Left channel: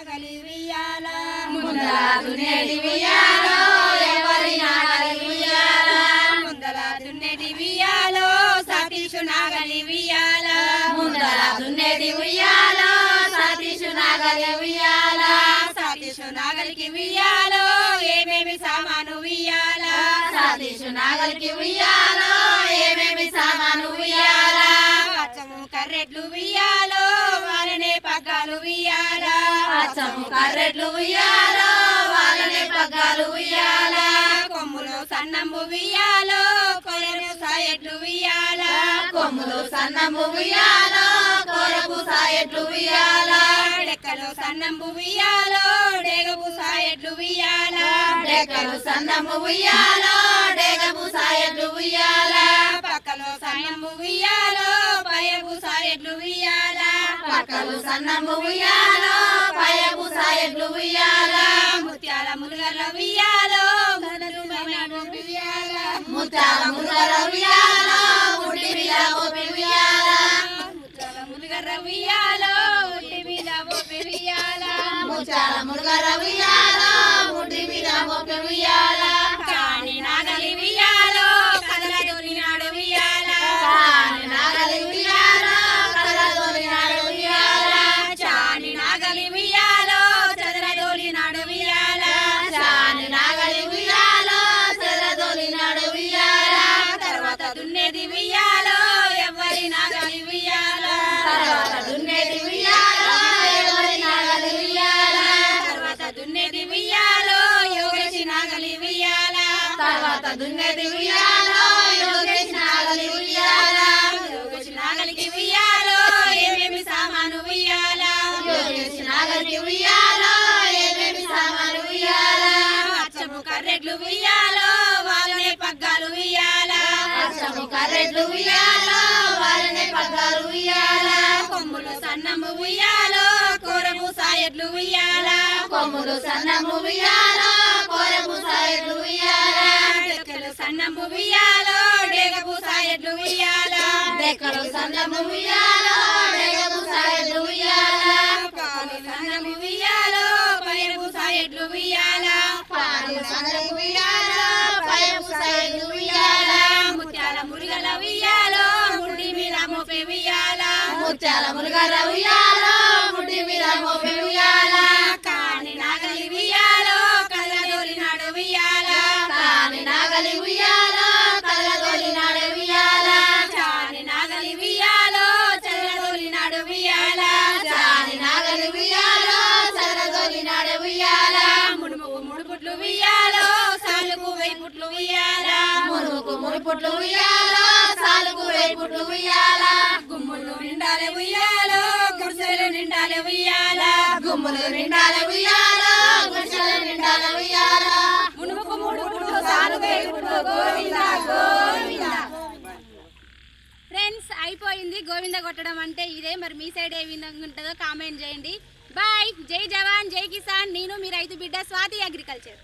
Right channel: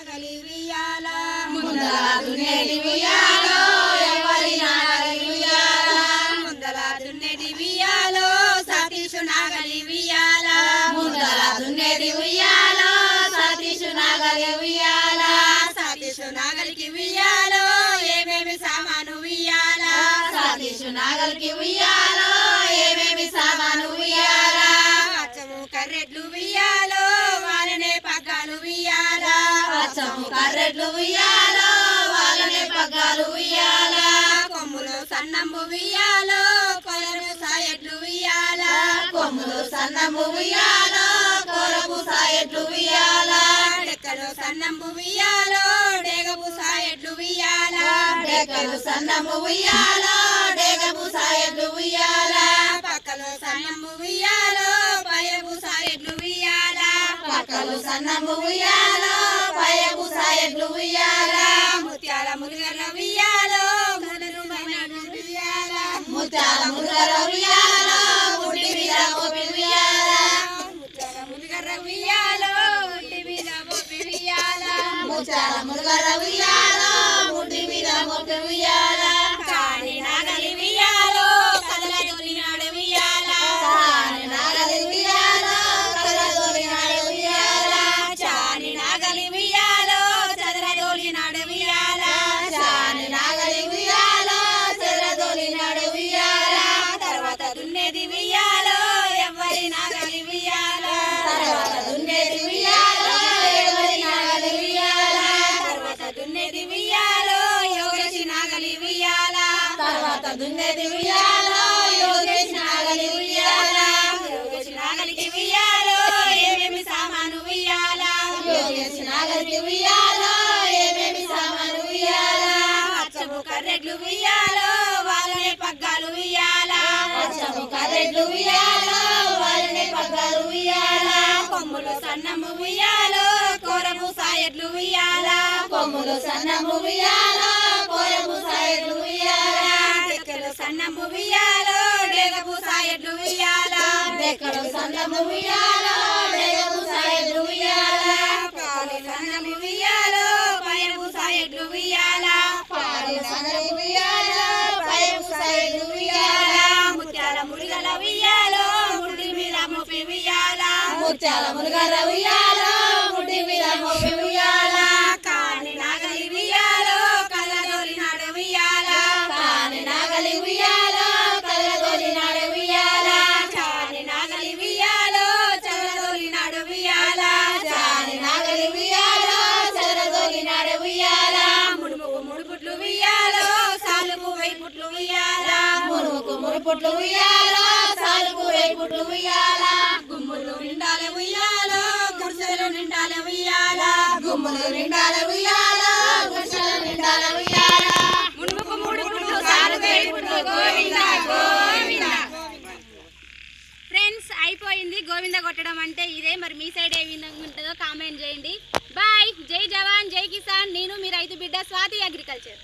నాగలి ఉయ్యాల ముందల దున్నేది ఉయ్యాలో ఎవరి నాగలి ఉయ్యాల ముందల దున్నేది ఉయ్యాలో సతీషు నాగలి ఉయ్యాల ముందల దున్నేది ఉయ్యాలో సతీషు నాగలి ఉయ్యాల సతీషు నాగలికి ఉయ్యాలో ఏమేమి సామాను ఉయ్యాల సతీషు నాగలికి ఉయ్యాలో ఏమేమి సామాను ఉయ్యాల అచ్చము కర్రెట్లు ఉయ్యాలో వాళ్ళనే పగ్గాలు ఉయ్యాల అచ్చము కర్రెట్లు ఉయ్యాలో వాళ్ళనే పగ్గాలు ఉయ్యాల కొమ్ములు సన్నంబు ఉయ్యాలో కొలను సాయట్లు ఉయ్యాల కొమ్ములు సన్నము ఉయ్యాలో కొరకు సాయట్లు ఉయ్యాల డెక్కలు సన్నంబు ఉయ్యాలో డేగపు సాయట్లు ఉయ్యాల డెక్కలు సన్నము ఉయ్యాలో డేగపు సాయట్లు ఉయ్యాల పక్కలు సన్నంబు ఉయ్యాలో పయపు సాయట్లు ఉయ్యాల పక్కలు సన్నము ఉయ్యాలో పయపు సాయట్లు ఉయ్యాల ముత్యాల మురుగల ఉయ్యాలో గదరు మమ్మడు ఉయ్యాల ముత్యాల మురుగల ఉయ్యాల ముడి మీద మోపి ఉయ్యాల ముత్యాల మురుగల ఉయ్యాలో ఉట్టి మీద మోపి ఉయ్యాల ముత్యాల మురుగల ఉయ్యాల ముడి మీద మోపి ఉయ్యాల కాని నాగలి ఉయ్యాలో కదల దొరినాడు ఉయ్యాల కాని నాగలి ఉయ్యాల కదలదొరినాడు ఉయ్యాల చాని నాగలి ఉయ్యాలో చదరదోలినాడు ఉయ్యాల చాని నాగలి ఉయ్యాల చెరదొలినాడు ఉయ్యాల తర్వాత దున్నేది ఉయ్యాలో ఎవరి నాగలి ఉయ్యాల తర్వాత దున్నేది ఉయ్యాల ఎవరి నాగలి ఉయ్యాల తర్వాత దున్నేది ఉయ్యాలో యోగేసి నాగలి ఉయ్యాల తర్వాత దున్నేది ఉయ్యాల యోగేశ్ నాగలి ఉయ్యాల యోగేసి నాగలికి ఉయ్యాలో ఏమేమి సామాను ఉయ్యాల యోగేశ్ నాగలికి ఉయ్యాల ఏమేమి సామాను ఉయ్యాల అచ్చము కర్రెట్లు ఉయ్యాలో వాళ్ళనే పగ్గాలు ఉయ్యాల అచ్చము కర్రెట్లు ఉయ్యాల వాళ్ళనే పగ్గాలు ఉయ్యాల కొమ్ములు సన్నము ఉయ్యాలో కోరము సాయట్లు ఉయ్యాల కొమ్ములు సన్నము ఉయ్యాల కోరము సాయట్లు ఉయ్యాల డెక్కలు సన్నము ఉయ్యాలో డేగపు సాయట్లు ఉయ్యాల డెక్కలు సన్నము ఉయ్యాల డేగపు సాయట్లు ఉయ్యాల పాలు సన్నము ఉయ్యాలో పయపు సాయట్లు ఉయ్యాల పాలు సన్నము ఉయ్యాల పయపు సాయట్లు ఉయ్యాల ముత్యాల మురుగల ఉయ్యాలో ముడి మీద మోపి ఉయ్యాల ముత్యాల మురుగల ఉయ్యాల ముడి మీద మోపి ఉయ్యాల కాని నాగలి ఉయ్యాలో కళ్ళదోలినాడు ఉయ్యాల కాని నాగలి ఉయ్యాల కళ్ళదొలినాడు ఉయ్యాల కాని నాగలి ఉయ్యాలో చల్లదోలినాడు ఉయ్యాల చాని నాగలి ఉయ్యాల చెరదొలినాడు ఉయ్యాల ముడుపుట్లు ఉయ్యాలో సాలుకు వైపుట్లు ఉయ్యాల మునుకు మునుపుట్లు ఉయ్యాల సాలుకు వేపుట్లు ఉయ్యాల గుమ్ములు నిండాలే ఉయ్యాలో గుడిసెలు నిండాలే ఉయ్యాల గుమ్ములు నిండాల ఉయ్యాల గుడిసెల నిండాల ఉయ్యాల మునుకు ముడుపుట్లు సాలుకు వైపుట్లు గోవింద గోవింద. ఫ్రెండ్స్ అయిపోయింది గోవింద కొట్టడం అంటే ఇదే. మరి మీ సైడ్ ఏ విధంగా ఉంటుందో కామెంట్ చేయండి. బాయ్. జై జవాన్ జై కిసాన్. నేను మీ రైతు బిడ్డ స్వాతి అగ్రికల్చర్.